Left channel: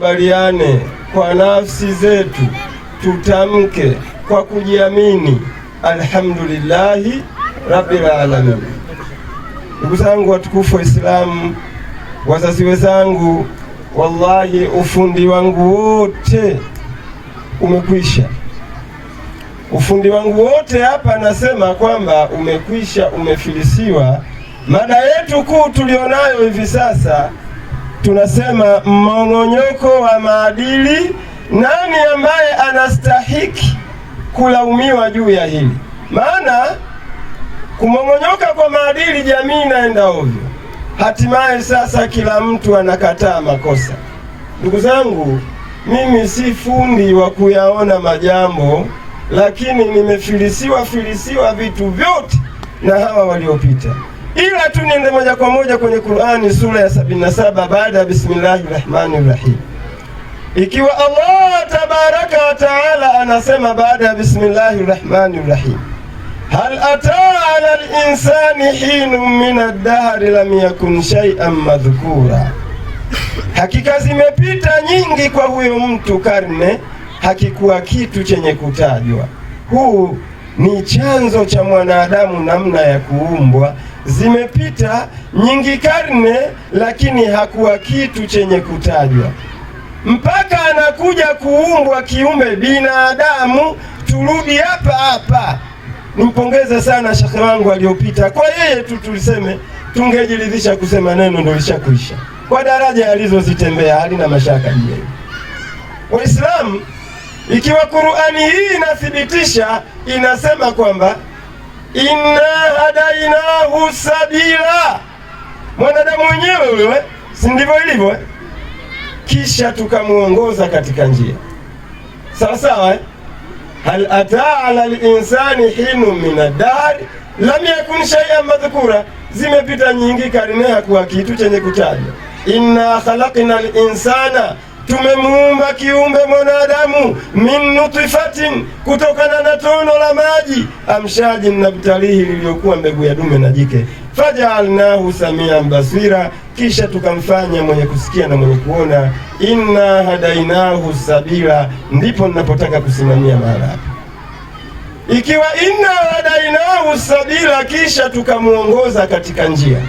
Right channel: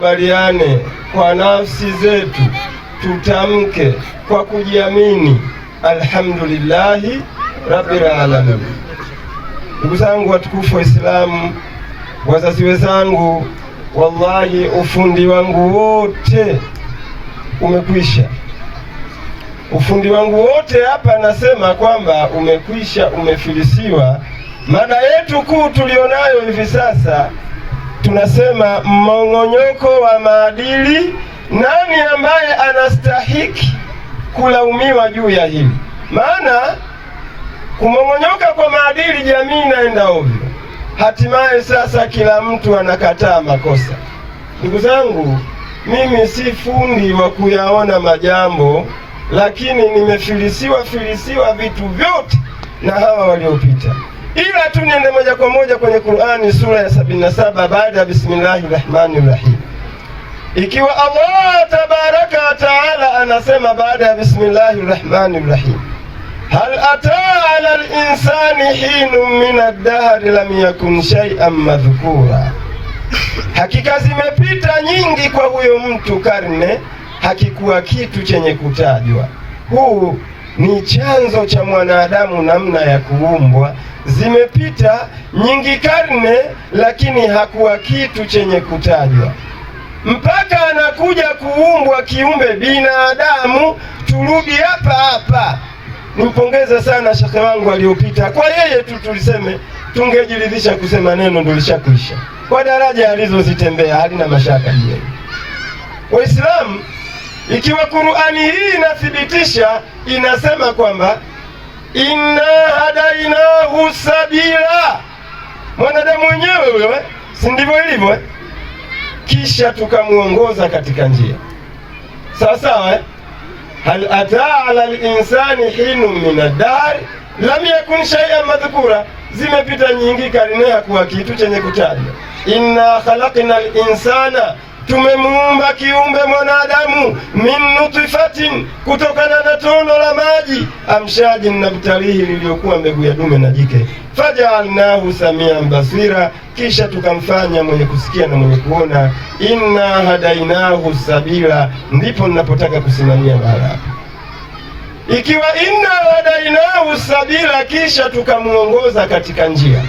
Baliane kwa nafsi zetu, tutamke kwa kujiamini, alhamdulillahi rabbil alamin. Ndugu zangu watukufu wa Islamu, wazazi wenzangu, wallahi ufundi wangu wote umekwisha. Ufundi wangu wote hapa nasema kwamba umekwisha, umefilisiwa. Mada yetu kuu tulionayo hivi sasa tunasema mmong'onyoko wa maadili. Nani ambaye anastahiki kulaumiwa juu ya hili? Maana kumong'onyoka kwa maadili, jamii inaenda ovyo. Hatimaye sasa kila mtu anakataa makosa. Ndugu zangu, mimi si fundi wa kuyaona majambo, lakini nimefilisiwa vitu vyote na hawa waliopita. Ila tu niende moja kwa moja kwenye Qur'ani sura ya 77 baada ya Bismillahirrahmanirrahim. Ikiwa Allah tabaraka wa taala anasema baada ya Bismillahirrahmanirrahim, hal ataa ala al-insani hinun min ad-dahri lam yakun shay'an madhkura, hakika zimepita nyingi kwa huyo mtu karne, hakikuwa kitu chenye kutajwa. Huu ni chanzo cha mwanadamu namna ya kuumbwa. Zimepita nyingi karne, lakini hakuwa kitu chenye kutajwa mpaka anakuja kuumbwa kiumbe binadamu. Turudi hapa hapa, nimpongeze sana shekhe wangu aliyopita. Kwa yeye tu tuliseme, tungejiridhisha kusema neno ndio lishakwisha. Kwa daraja alizozitembea halina mashaka juu. Waislamu, ikiwa Qur'ani hii inathibitisha, inasema kwamba inna hadainahu sabila, mwanadamu mwenyewe wewe, si ndivyo ilivyo? Kisha tukamuongoza katika njia sawa sawa. Hal ataa ala al-insani hinun min ad-dahr lam yakun shay'an madhkura, zimepita nyingi karne, hakuwa kitu chenye kutajwa. Inna khalaqna al-insana, tumemuumba kiumbe mwanadamu, min nutfatin, kutokana na tono la maji, amshajin, nabtalihi, liliyokuwa mbegu ya dume na jike, fajaalnahu samian basira, kisha tukamfanya mwenye kusikia na mwenye kuona. Inna hadainahu sabila, ndipo ninapotaka kusimamia mahala hapa. Ikiwa inna hadainahu sabila, kisha tukamuongoza katika njia,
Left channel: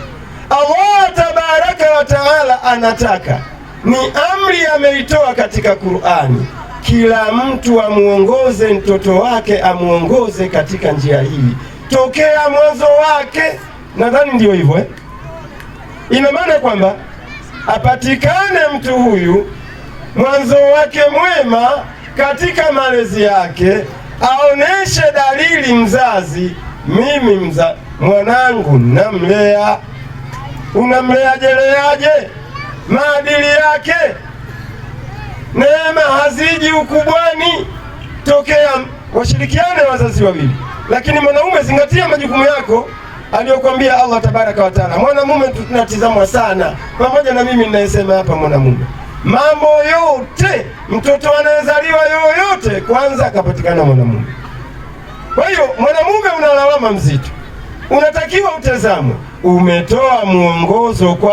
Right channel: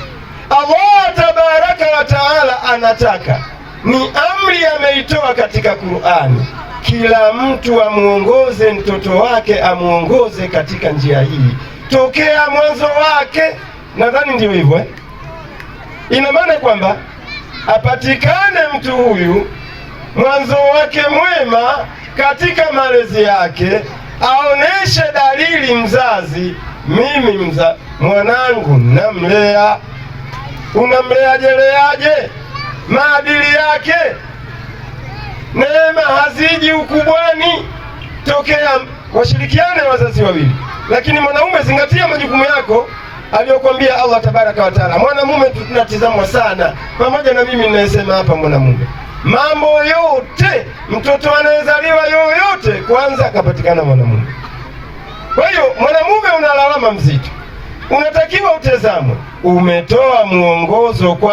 Allah tabaraka wa taala anataka, ni amri ameitoa katika Qur'ani, kila mtu amuongoze mtoto wake, amuongoze katika njia hii tokea mwanzo wake. Nadhani ndio hivyo. Ina maana kwamba apatikane mtu huyu mwanzo wake mwema katika malezi yake, aoneshe dalili mzazi, mimi mwanangu namlea. Unamleajeleaje? Maadili yake, neema haziji ukubwani. Tokea washirikiane wazazi wawili, lakini mwanaume, zingatia majukumu yako aliyokuambia Allah tabaraka wa taala. Mwanamume tunatizamwa sana, pamoja na mimi ninayesema hapa mwanamume. Mambo yote, mtoto anayezaliwa yoyote, kwanza akapatikana mwanamume. Kwa hiyo mwanamume una lawama mzito, unatakiwa utazamwe. Umetoa muongozo kwa